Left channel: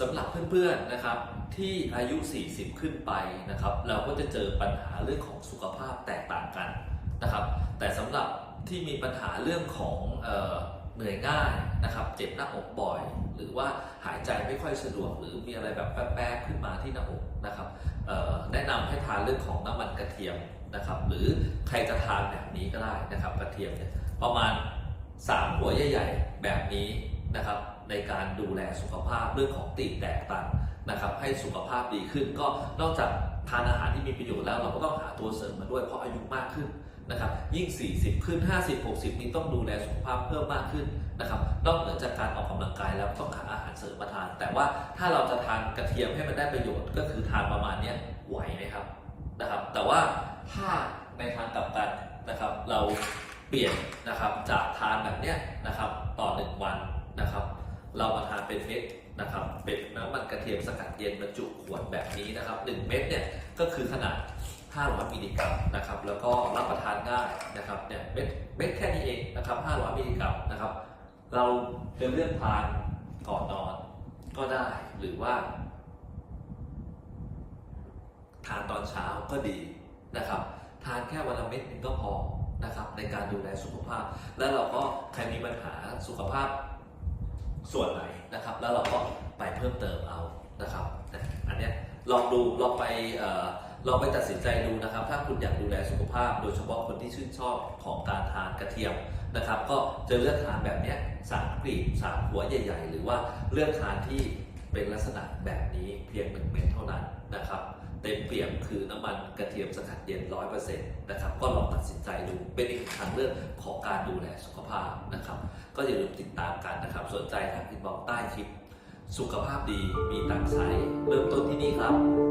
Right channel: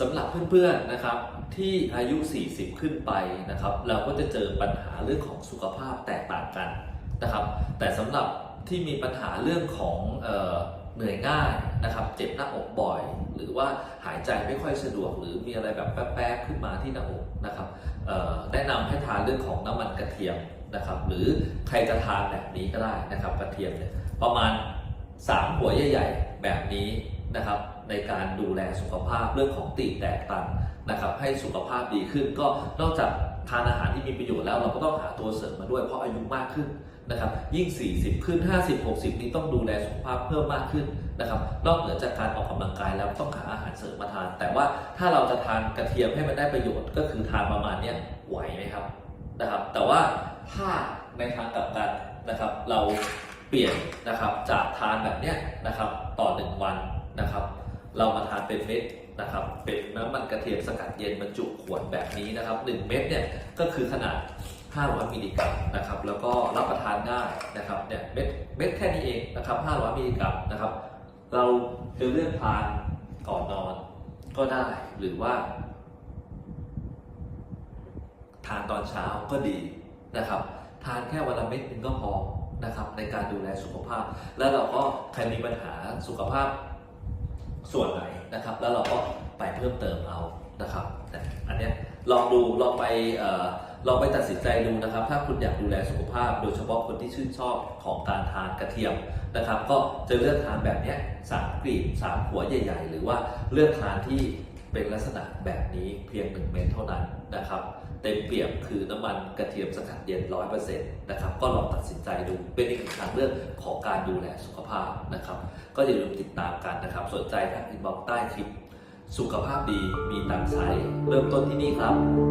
สำหรับเพื่อนๆนะครับที่อายุ 40 ขึ้นไปนะครับ เราก็จะเจอปัญหาเรื่องของสุขภาพแตกต่างกันนะครับ แต่สำหรับที่มีปัญหาเรื่องของเออเหนื่อยง่ายนะครับ เจ็บหน้าอกบ่อย หรือว่าหายใจไม่ค่อยสะดวก หรือมีอะไรแบบแป๊บๆขึ้นมาที่หน้าอกนะครับแนะนำให้ทานเรื่องของน้ำมันกระเทียมนะครับ หรือใครจะทานแบบนี้ก็ได้นะครับ กระเทียมเนี่ยประมาณ 3หัวใหญ่ๆ แบบนี้นะครับ ในการดูแลสุขภาพเรื่องของตีแตกตันนะครับ ให้สุขภาพดีขึ้น ก็นอกจากทานอาหารที่มีประโยชน์แล้ว เราก็ต้องหาตัวเสริมมาด้วยเพราะอายุมากขึ้นนะครับ ยิ่ง 40 ขึ้น 50 60 นี้ต้องดูแลสุขภาพเพิ่มมากขึ้นนะครับ นอกเหนือจากการออกกำลังกายแล้วต้องหาอาหารเสริมมาทาน แต่ว่าถ้าเราจะทานกระเทียมให้มันได้ประโยชน์ก็คือทานประมาณนี้ไหวไหมครับนะครับ แต่ว่าถ้าในทางกลับกันนะครับ เรา เปลี่ยนนะครับจากทานแบบเนี้ยนะครับต่อหนึ่งวันนะครับ เรามาทานเป็นเม็ดนะครับเป็นน้ำมันกระเทียมสกัดเย็นบรรจุขวดแบบนี้นะครับ 1 เม็ดเนี่ยก็คือขนาด 500มิลลิกรัมนะครับแล้วก็รับประทานง่ายนะครับเนี่ยเม็ดเม็ดแค่นี้เองนะครับ 500มิลลิกรัมนะครับ เราจะเลือกทานก่อนนอนก็ได้หรือว่า ทานตอนเช้าก็ดีนะครับ ทานแค่วันละเม็ดนึงก็พอ นะครับในการดูแลสุขภาพ แล้วเราก็ใครมีปัญหาสุขภาพส่วนไหนนะครับ แล้วเราก็ไปเพิ่มเติมเอานะครับอันเนี้ยลองดูลองไปเอ่อลองไปตัดสินใจดูนะครับ ถ้าคุณอยากดูแลสุขภาพ โดยเฉพาะคนที่ชื่นชอบของการทานกระเทียมนะครับ ก็จะเลือกทานแบบเนี้ยสามกลีบสามหัวใหญ่ ๆ หรือว่าเลือกทานที่เป็นลักษณะแบบนี้เพียงหนึ่งเม็ดเท่านั้นนะครับ เต็มเปี่ยมคือน้ำมันกระเทียมสกัดเย็นร้อยเปอร์เซ็นต์นะครับก็ลองตัดสินใจดูเป็นอีกหนึ่งทางเลือกของการดูแลสุขภาพนะครับ ก็อย่าลืมติดตามกันนะครับ สนใจทางอินบ็อกซ์ใต้คลิป สุขภาพดีมีตังใช้เริ่มต้นที่นี่ครับ